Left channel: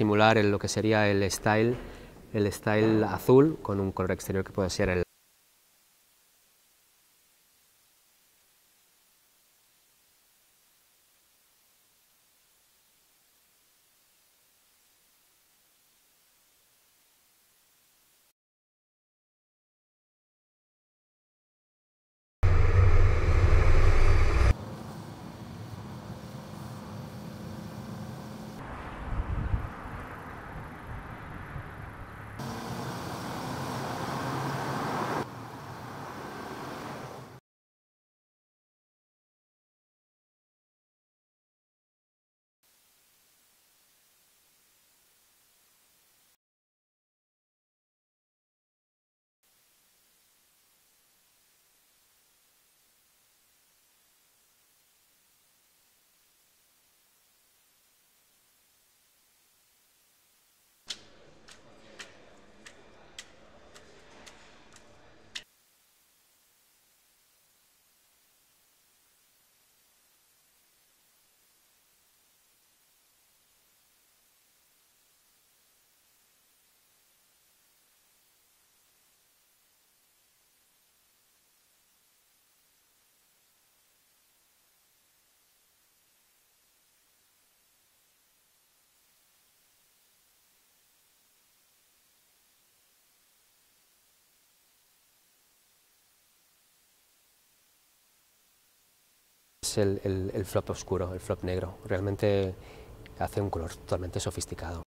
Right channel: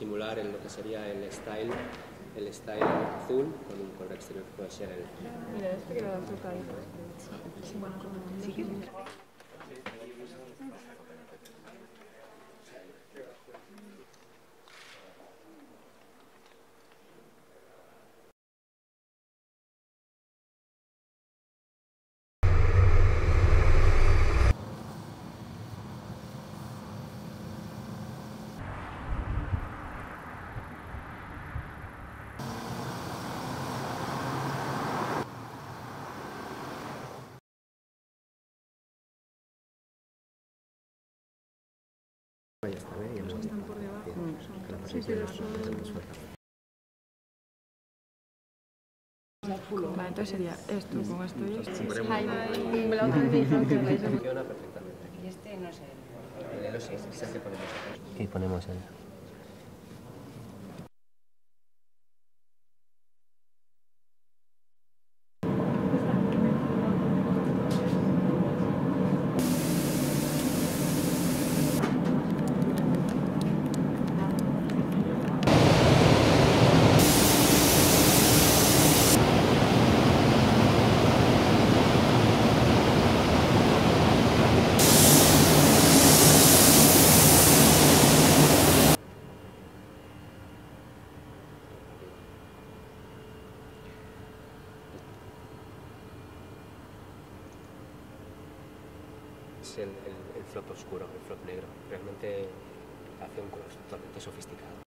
simular lo que sería el style azul con un color exterior que puede ser el... Mira, este que le da el trucadito. Bueno, sí que están por debajo. Sí, pero son... Vale, entonces sería esto con esto y esto. Me la otra vez me dijeron que Funciona perfectamente. y este no sé. El Elo sí, es el que ponemos acá. Y ponemos el... Es el flop oscuro, el flop negro. Realmente hace un color totalmente sofisticado.